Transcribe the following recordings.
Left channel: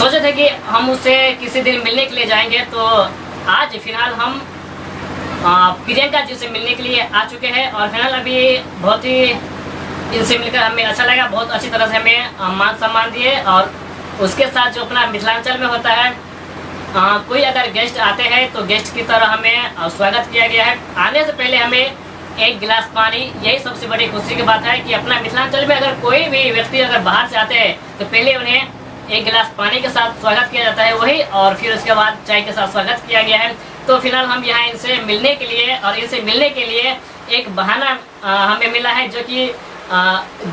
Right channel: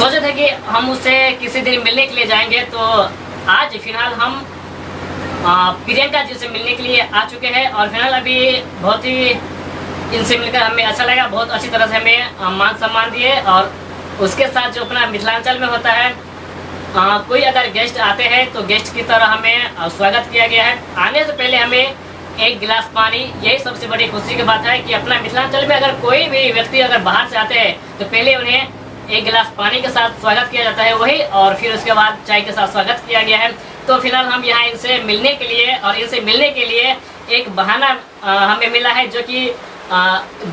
सोचे थे कि हम उससे किसी दिन मिलने के लिए जाएंगे, तो आज फिलहाल हम प्रियंका जी से मिलने के लिए आ चुके हैं। और फिलहाल अभी बहुत ही इनसे मिलकर हमें अच्छा लगा, बहुत अच्छी तरह से हमें मान सम्मान दिए। और उसके साथ जो अपना मिथिलांचल में होता है, कोई अगर गेस्ट आते हैं तो गेस्ट की तरह हमें स्वागत किया गया है। आने से पहले हमें एक गिलास पानी, यही सबसे बड़ी खुशी की बात है कि अपना मिथिलांचल में अगर कोई भी व्यक्ति अगर बाहर से आते हैं तो पहले उन्हें एक गिलास पानी के साथ स्वागत किया जाता है वही, और फिर उसके बाद चाय के साथ स्वागत किया गया है। तो फिलहाल हम यहाँ इनसे मिलने के लिए, और इनसे मिलने के लिए एक बहाना हमें मिला है, जो कि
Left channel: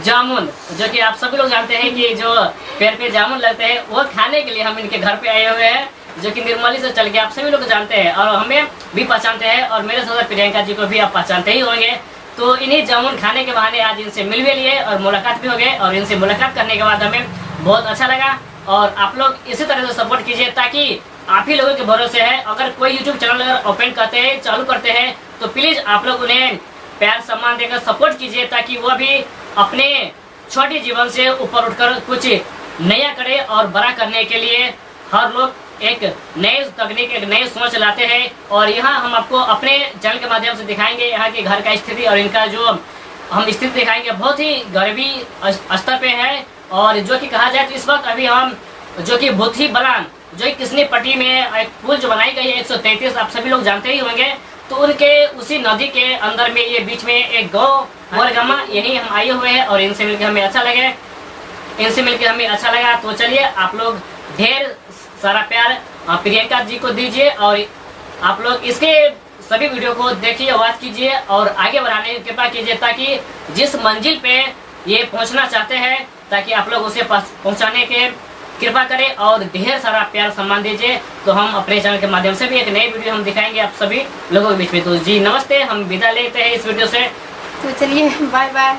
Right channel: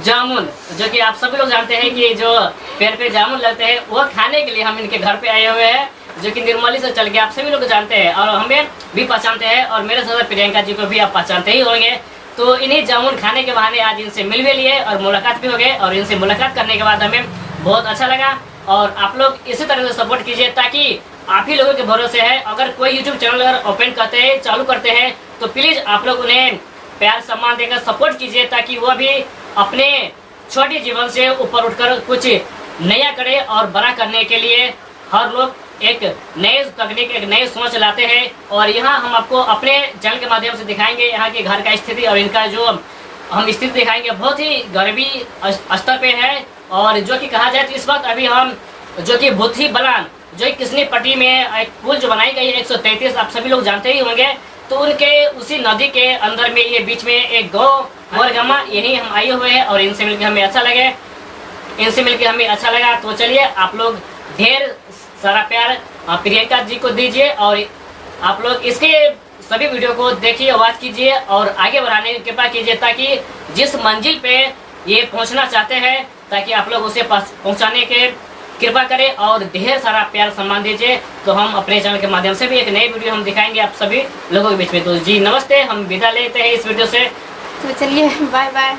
जामुन, जो कि आप सभी लोग जानते हैं कि जो पेड़ पे जामुन लगते हैं वो खाने के लिए हम इनके घर पे आए हुए हैं, जो कि निर्मली से चल के आप सभी लोग जानते हैं और हमें भी पहचानते हैं, और मेरे साथ प्रियंका जी को भी आप पहचानते ही होंगे। तो इन्हीं जामुन खाने के बहाने आज इनसे मिल भी लिए और मुलाकात भी हो गए, और इनसे मुलाकात करने के बाद हमें बहुत अच्छा लगा। और आप लोग इसी तरह से सपोर्ट कीजिए, ताकि आप ही लोगों के भरोसे है, अगर कोई यूट्यूब चैनल अगर ओपन करते हैं, चालू करते हैं, तो प्लीज आप लोग उन्हें प्यार सम्मान देकर सपोर्ट कीजिए, ताकि वो भी अपने छोटे जीवन से ऊपर उठकर कुछ नया करे। और बड़ा करने के लिए हर लोग एक नए तकनीक, एक नई सोच लाते हैं। और यहाँ हम आपको अपने चैनल के माध्यम से दिखाएंगे यहाँ के घर का स्थिति, और इनका जो हम स्थिति दिखाएंगे बहुत ही गरीबी स्तर पे है। और जो कि कहा जाए तो इस वक्त अभी हम जो कि भूथी बलान, जो कि किसनी पट्टी में एक पुल जो बनाई गई है 133, आप सभी लोग जानते ही होंगे, तो उनके उसी नदी के अंदर में ये बीच में एक गाँव मोरगामा, यही हम आए हुए हैं। और इनसे मिलकर हमें अच्छा लगे, इनसे मिलकर हमें अच्छा लगा। तो चलिए आप लोग ढेर सारा प्यार प्रियंका जी को दीजिए, और आप लोग इसके सभी वीडियो को देखिए, वॉच कीजिए और आगे बढ़ाने की कृपा कीजिए, ताकि जिस मंजिल पे ये पहुंचना चाहते हैं, ताकि आप लोग उसे पहुंचाने के कृपा करें और ढेर सारा प्यार सम्मान दीजिए। तो हम अपने चैनल के माध्यम से भी एक नई वीडियो हम दिखाएंगे आप सभी लोगों के बीच में। तो जी नमस्ते, हम विदा लेते हैं इस वीडियो से। तो चलिए बाय बाय।